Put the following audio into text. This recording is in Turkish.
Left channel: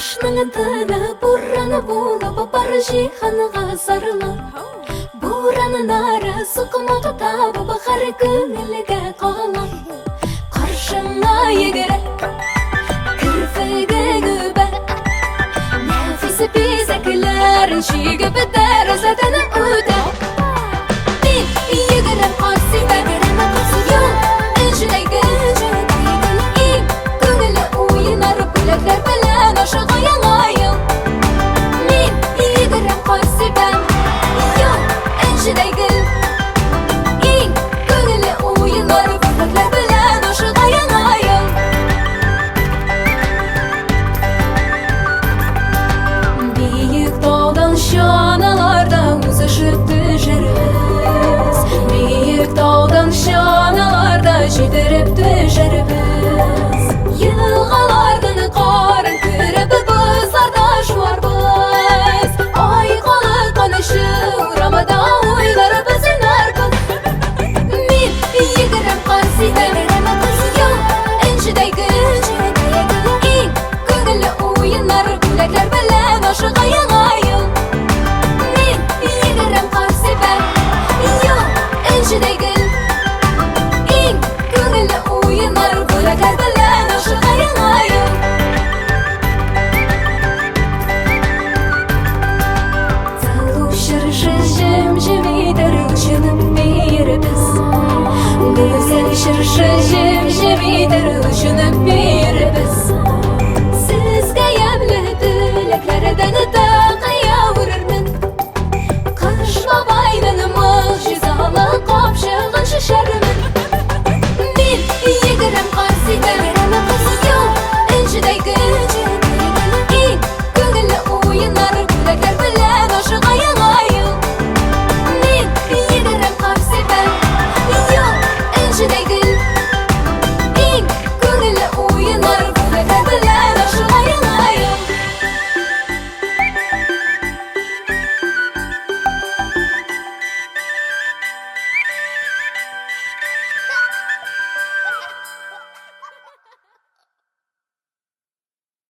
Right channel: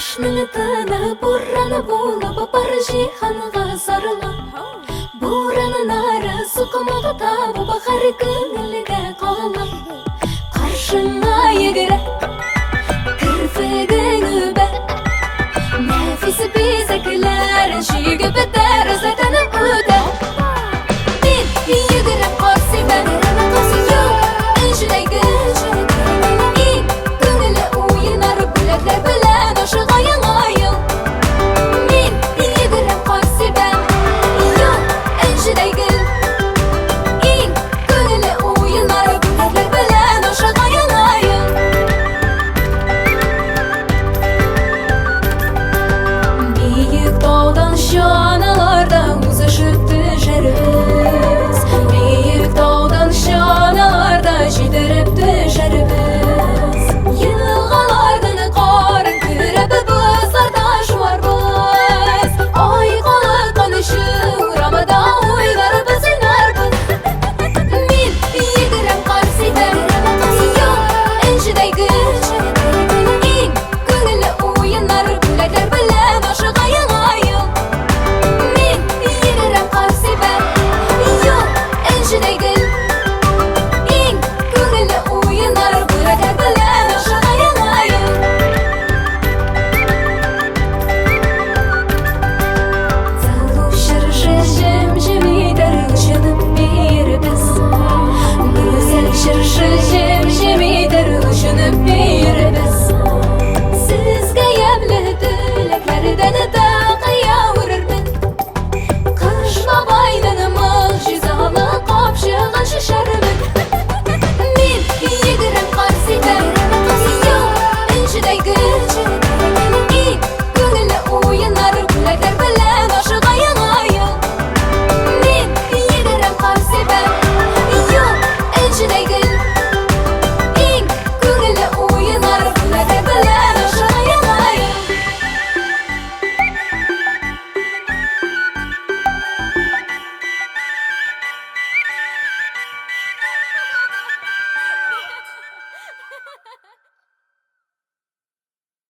Kışnın tılı buranı bulup barışı hanıga sarılı Buranın arı sıkımı tabi bakar gönülge kalı Karşına yegire kırfıgını be Nefisi bizeklerin şiğe beder zaten öde Bir yegirem kasi ben Yok enşide gıcı İn gönüllü oyunları bilekler belen aşığa yanayım Bir yegirem kasi ben Yok enşide gıcı İn gönüllü oyunları bilekler belen aşığa yanayım Büyük dağdan şanalarda uzlaşıp düşeriz Büyük dağdan şanalarda jidirip düşeriz Yılgalardan karın kürep bızlarda şuarбыз Aygalı konuşur ramada oylar biziner Min yigirem karsihem Yok enşide güç İn gönüllü oyunlar bilekler bilen aşığa yanayım Min yigirem karsihem Yok enşide güç İn gönüllü oyunlar bilekler bilen aşığa yanayım Zalu şırşı jim darılışının bir biz Güzel şırşı jim darılışının bir biz Sizge yemli dileklerden dağıya vururmen Kış babayının mıhşizalı kopşığın şişerim